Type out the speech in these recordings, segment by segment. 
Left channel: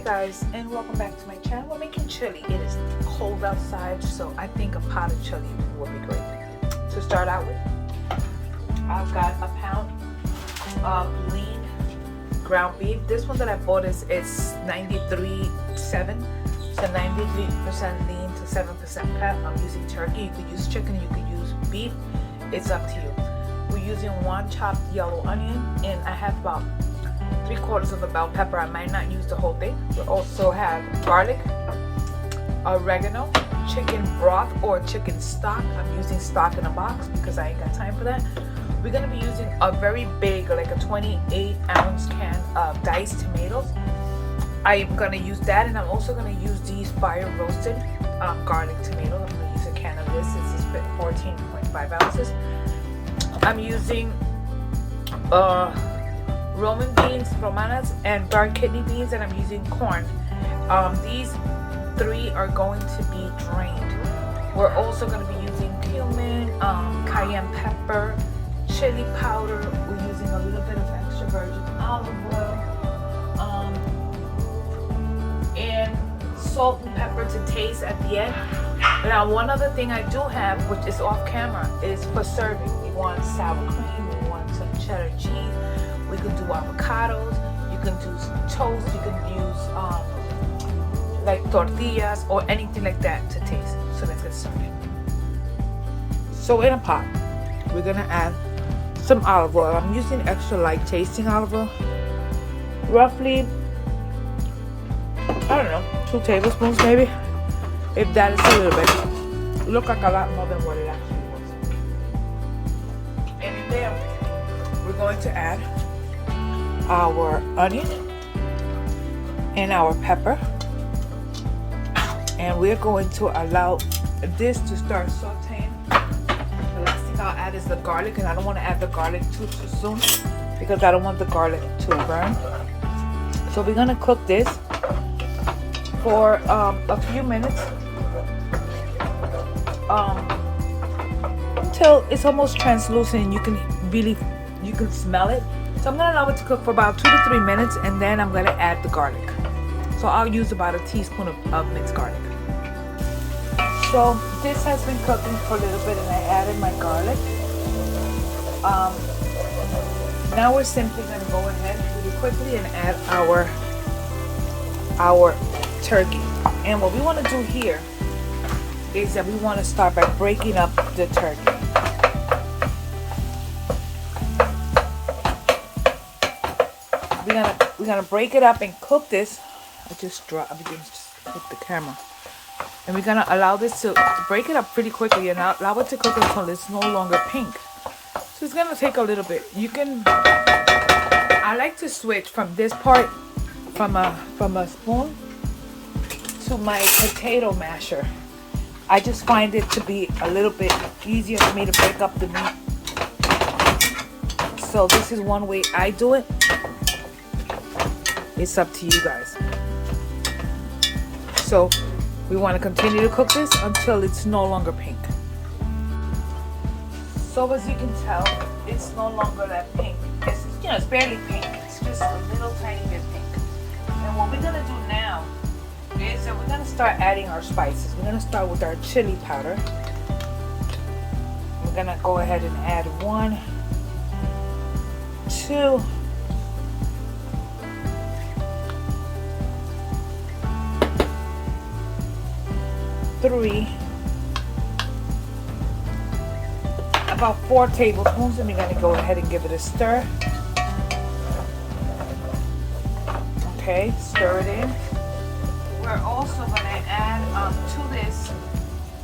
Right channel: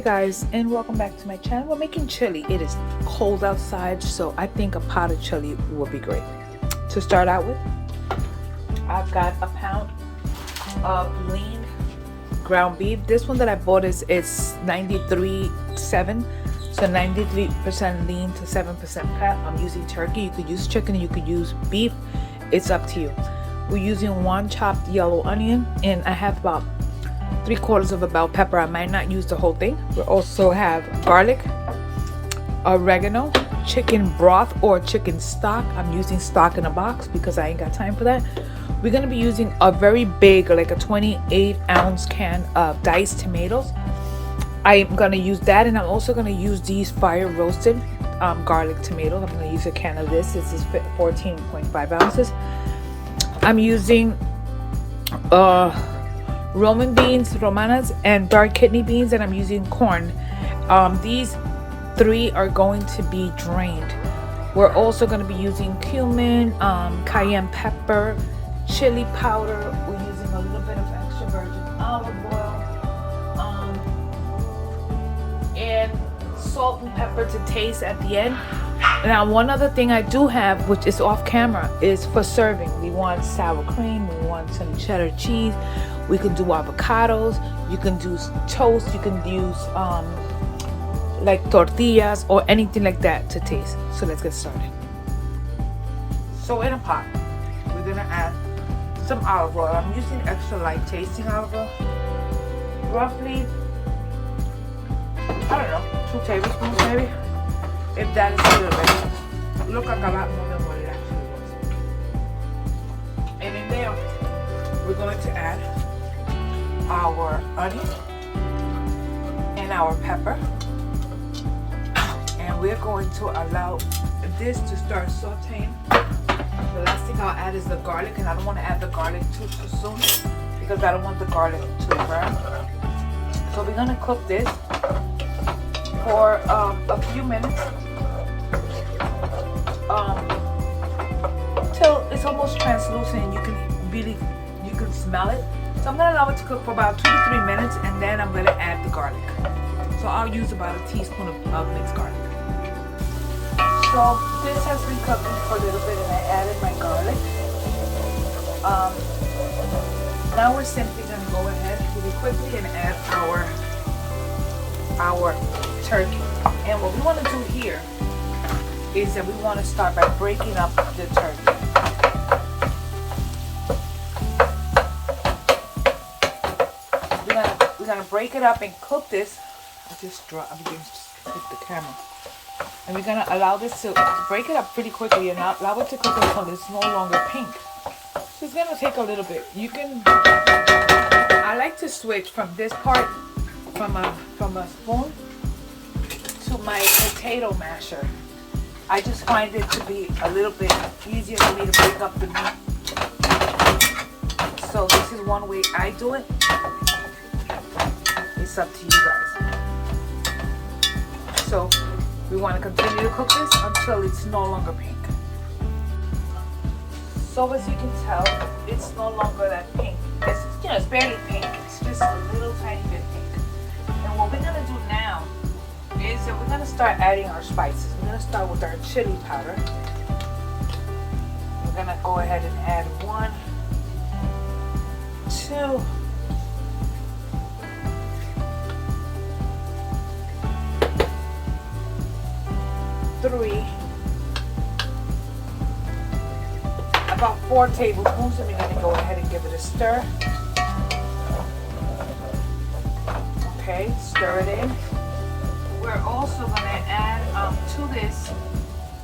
Hey guys, and welcome back to my channel. We're making chili. It is cold outside, so I think a pot of chili will be great. To start out with, I've got a pound of lean ground beef. This one that I bought is 93.7, so 93% lean to 7% fat. I'm using turkey. You could use chicken, you could use beef. It's up to you. We're using one chopped yellow onion, and I have about 3/4 of a bell pepper. I might not use the whole thing. We also have garlic, oregano, chicken broth or chicken stock. I'm using stock in a box because I ain't got time for that. We're going to be using a very big, like a 28-ounce can of diced tomatoes. I'm going to use that, and I'm also going to use these fire roasted garlic tomatoes. I'm going to use a can of this. This is 14.5 ounces. I'm using Roman beans, romanas, and dark kidney beans, and I'm using corn. These three are going to be drained. We're also going to be using cumin, cayenne pepper, chili powder. We're using a little bit of extra virgin olive oil, and salt and pepper to taste at the end. Now, one other thing I do have, which is off camera, is for serving. We want sour cream, we want some cheddar cheese. We can do avocados, you can do toast, you can use like tortillas or anything like that to taste. So let's get started. So in a pot, we're gonna add some olive oil. I'm using extra light tasting olive oil. Roughly, I don't know, 2 tablespoons maybe. If that is a little bit. It looks like a lot more than what it actually was. And in there, we're going to add our onion and our pepper, and we're going to allow this to start sauteing. The last thing I'll add is the garlic, and I don't want to add the garlic too soon because I don't want the garlic to burn. So we're going to cook this for a few minutes till it's almost translucent and you can smell it. So I'm going to allow it to cook for about 2 to 3 minutes, and then I'm going to add the garlic. So I'll use about a teaspoon of minced garlic. So this has been cooking for a little bit, and I added my garlic. Now we're simply going to go ahead really quickly and add our turkey. And what we want to do here is that we want to start by breaking up the turkey. We're gonna break it up and cook this. I just dropped against the camera. And we're gonna allow this to break it up pretty quickly and allow it to cook until it's no longer pink. So it's gonna take a little bit. I like to switch from this part from a spoon to my potato masher. I just find it to be a little bit easier for me to pick up the meat. So this is one way I do it. It's up to you guys. So we want to continue to cook this until it's no longer pink. So as you can tell, it's no longer that pink. It's barely pink. It's just a little tiny bit pink. And what we're gonna do now is that we're gonna start adding our spices. We're gonna start with our chili powder. We're gonna go ahead and add 1, 2, 3, about 4 tablespoons. Let me go ahead and give it a stir. Okay, stir it in. We're also going to add to this.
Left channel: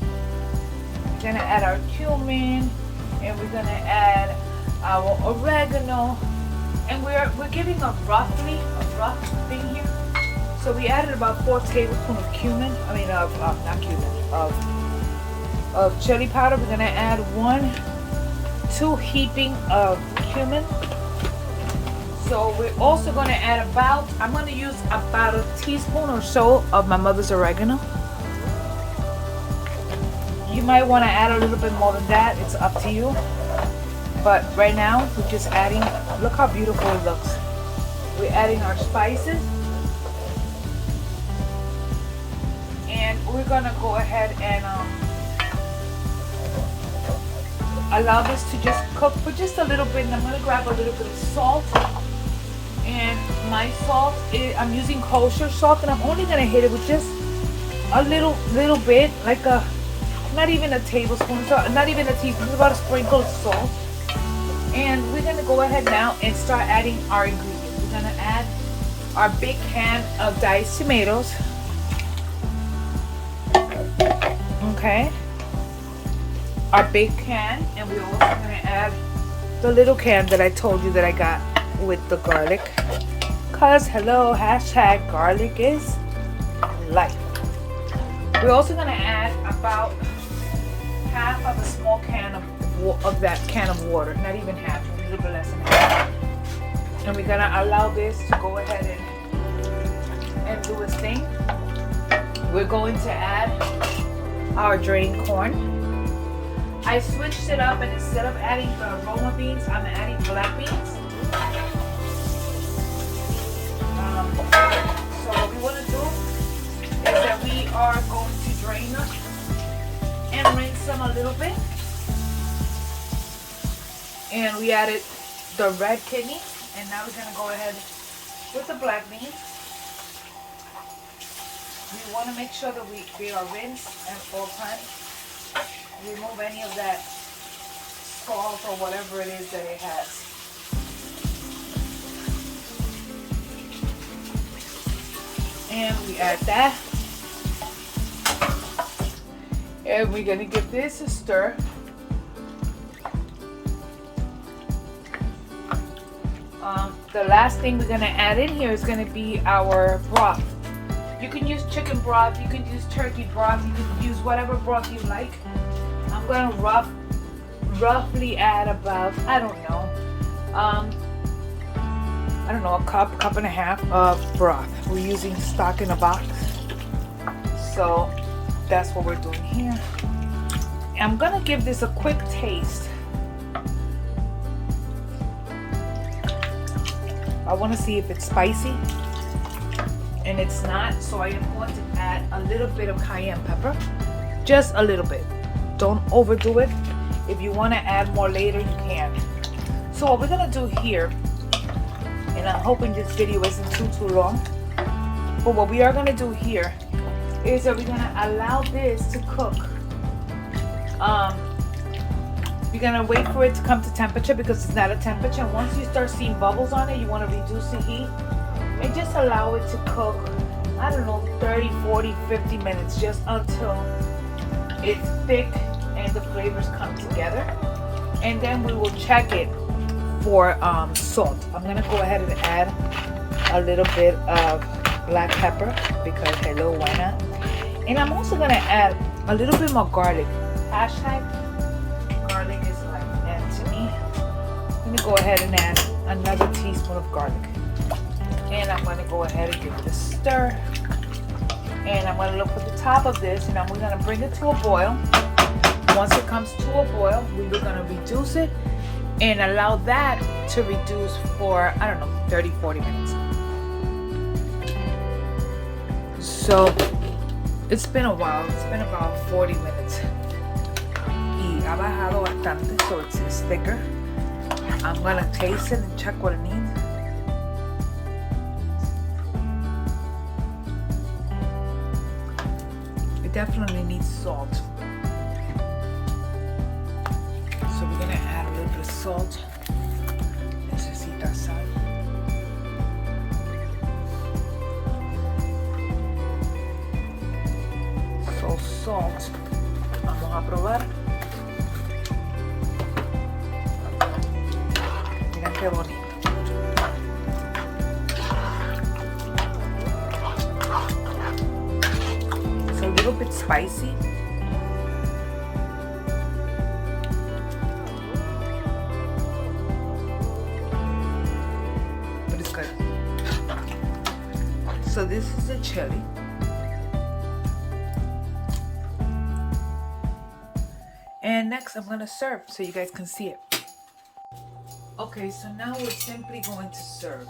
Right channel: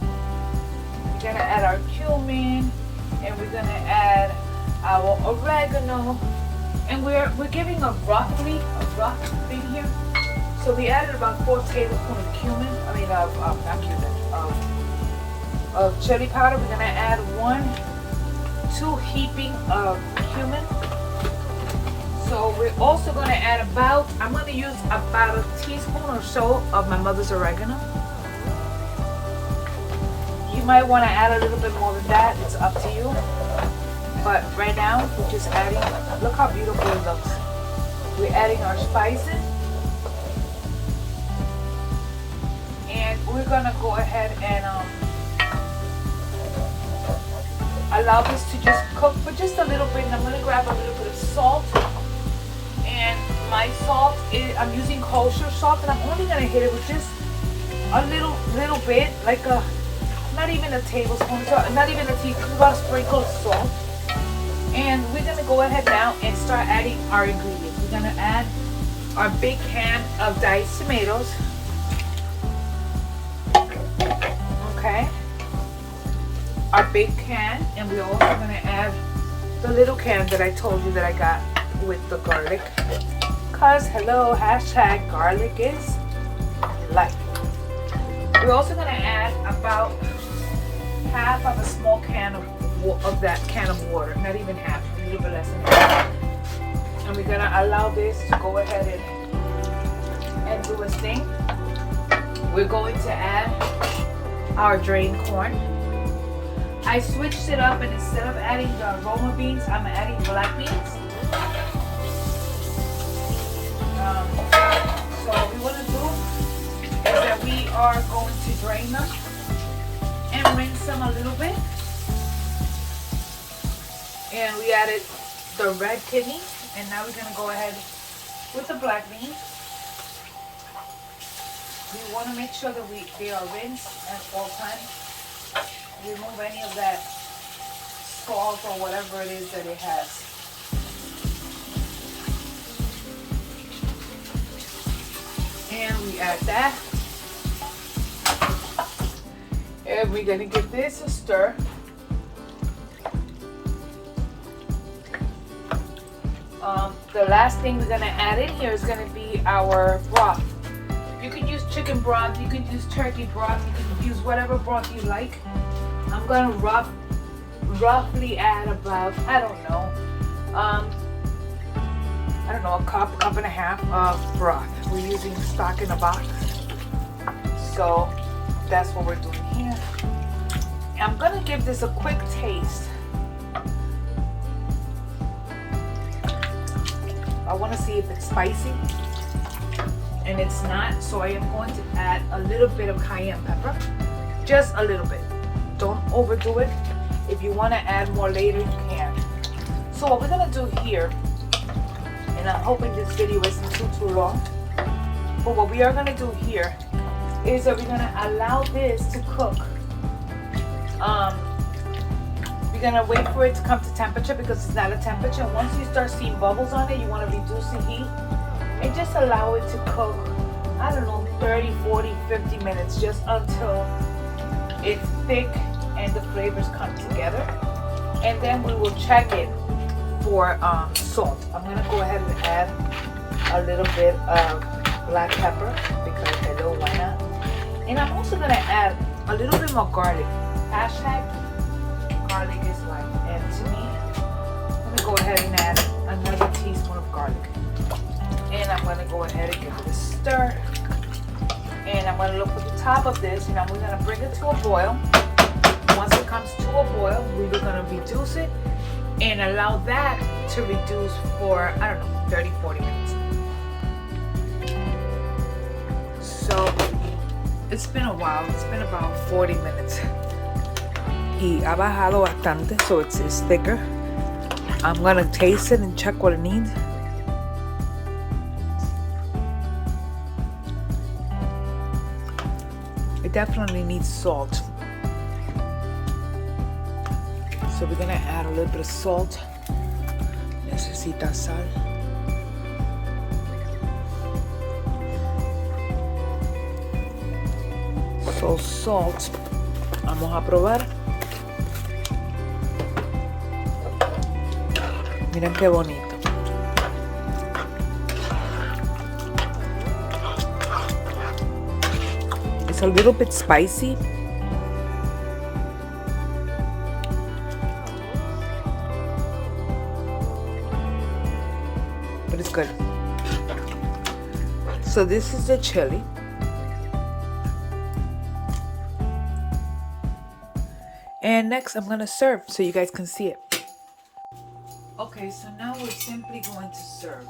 We're going to add our cumin, and we're going to add our oregano, and we're giving a broccoli in here. So we added about 4 tablespoons of cumin. Of chili powder. We're gonna add 2 heaping of cumin. So we're also gonna add I'm gonna use about a teaspoon or so of my mother's oregano. You might want to add a little bit more than that. It's up to you. But right now we're just adding. Look how beautiful it looks. We're adding our spices. we're gonna go ahead and allow this to just cook for just a little bit. And I'm gonna grab a little bit of salt. And my salt is, I'm using kosher salt, and I'm only gonna hit it with just a little bit, like a, not even a tablespoon, not even a teaspoon, about a sprinkle of salt. And we're gonna go ahead now and start adding our ingredients. We're gonna add our big can of diced tomatoes. Okay. Our big can, and we're also gonna add the little can that I told you that I got with the garlic. Cause hello, hashtag garlic is life. We're also gonna add about half of a small can of that can of water, not even half, a little bit less than that. And we're gonna allow this to go ahead and do its thing. We're going to add our drained corn. I switched it up, and instead of adding the aroma beans, I'm adding black beans. So what we want to do is that we are going to drain them and rinse them a little bit. And we added the red kidney, and now we're going to go ahead with the black beans. We want to make sure that they are rinsed at all times. Remove any of that salt or whatever it is that it has. And we add that. And we're going to give this a stir. The last thing we're going to add in here is going to be our broth. You can use chicken broth, you can use turkey broth, you can use whatever broth you like. I'm going to roughly add about, I don't know, a cup and a half of broth. We're using stock in a box. So that's what we're doing here. I'm going to give this a quick taste. I want to see if it's spicy. And it's not, so I am going to add a little bit of cayenne pepper. Just a little bit. Don't overdo it. If you want to add more later, you can. So what we're going to do here, and I'm hoping this video isn't too long, but what we are going to do here is that we're going to allow this to cook. We're going to wait for it to come to temperature because it's not a temperature. Once you start seeing bubbles on it, you want to reduce the heat and just allow it to cook, I don't know, 30, 40, 50 minutes, just until it's thick and the flavors come together. And then we will check it for salt. I'm going to go ahead and add a little bit of black pepper because hello, why not? And I'm also going to add a little bit more garlic. Hashtag garlic is life. And to me, I'm going to go ahead and add another teaspoon of garlic. And I'm going to go ahead and give it a stir. And I'm going to look at the top of this, and I'm going to bring it to a boil. Once it comes to a boil, we're going to reduce it and allow that to reduce for, I don't know, 30, 40 minutes. So it's been a while. It's been about 40 minutes. Y ha bajado bastante, so it's thicker. I'm going to taste it and check what it needs. It definitely needs salt. So we're going to add a little bit of salt. Necesita sal. So salt. Vamos a probar. Miren qué bonito. It's a little bit spicy. But it's good. So this is the chili. And next I'm gonna serve so you guys can see it. Okay, so now we're simply going to serve.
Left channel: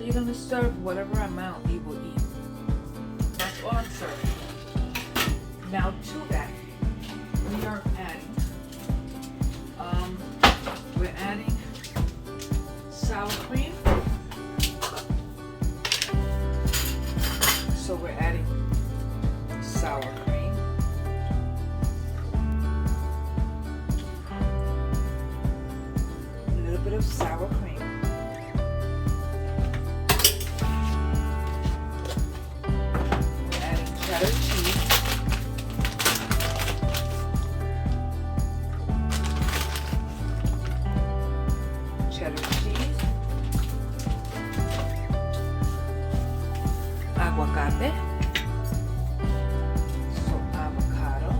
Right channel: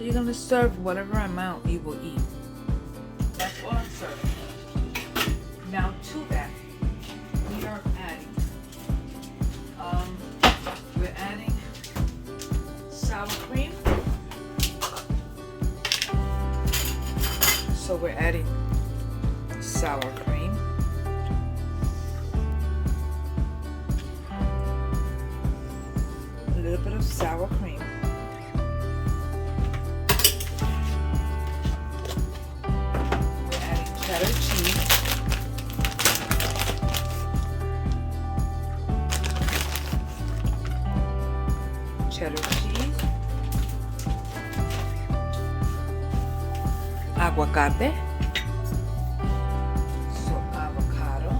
So you're gonna serve whatever amount you will eat. That's all I'm serving. Now to that, we are adding sour cream. So we're adding sour cream. A little bit of sour cream. We're adding cheddar cheese. Cheddar cheese. Aguacate. So avocado.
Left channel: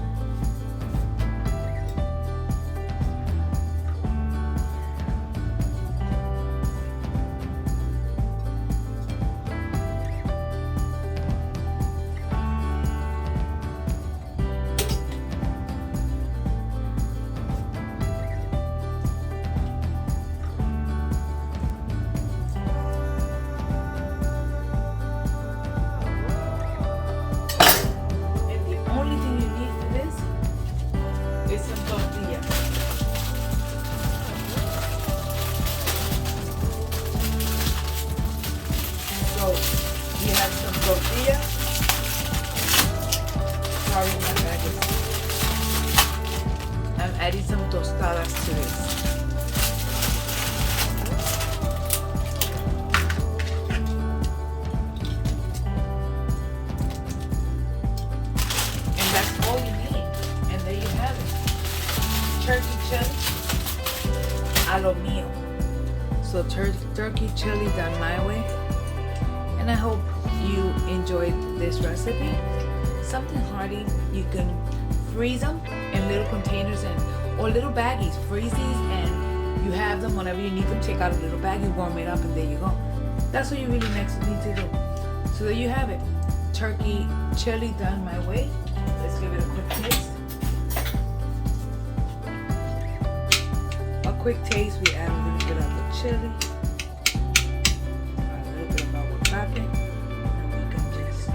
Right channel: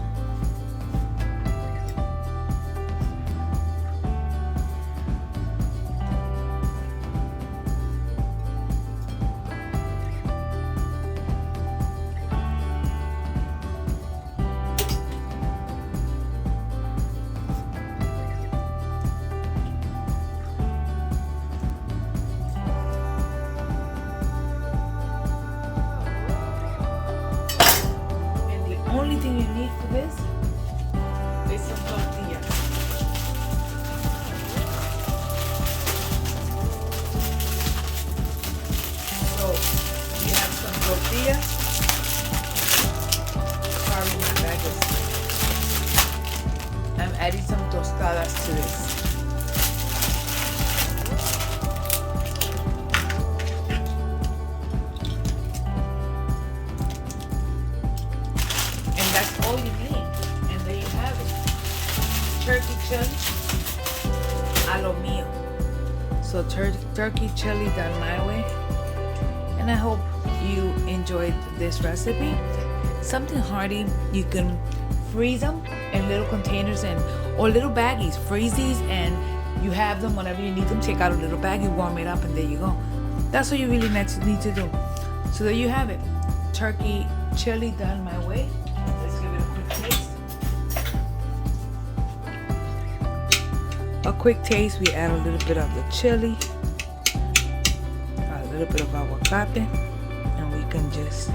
Tortilla. Sorry, my bag is. I'm adding some tostadas to this. And that's all you need. And there you have it. Turkey chili a lo mío. So turkey chili done my way. And I hope you enjoyed this recipe. Something hearty. You can freeze them in little containers or little baggies. Freeze these and you have them whenever you need them. Take out a little baggie, warm it up, and there you go. That's what you really need to do. So there you have it. Turkey chili done my way. Let's give it a quick taste. A quick taste. We add a little bit of the chili, a little bit of aguacate. Just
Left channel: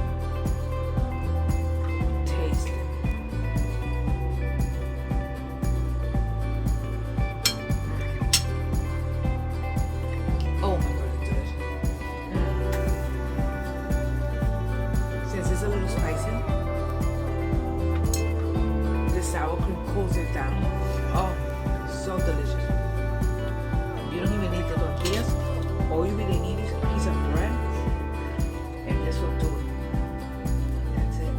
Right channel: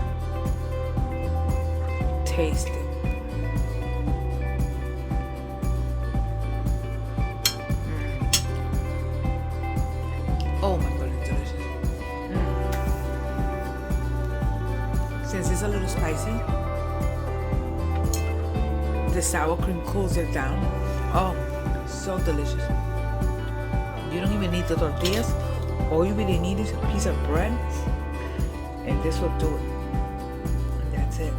taste it. Oh my god, it's delicious. Since it's a little spicy, the sour cream cools it down. Oh, so delicious. You don't even need the tortillas. All you really need is a piece of bread. And this will do it. And that's it.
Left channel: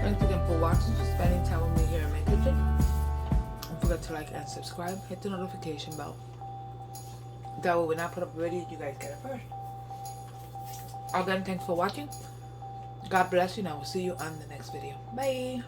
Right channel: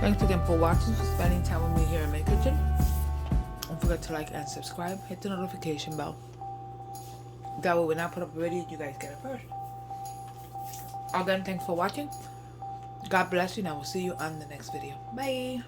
Thanks again for watching, spending time with me here in my kitchen. Don't forget to like and subscribe. Hit the notification bell. That way when I put up a video, you guys get it first. Again, thanks for watching. God bless you, and I will see you on the next video. Bye.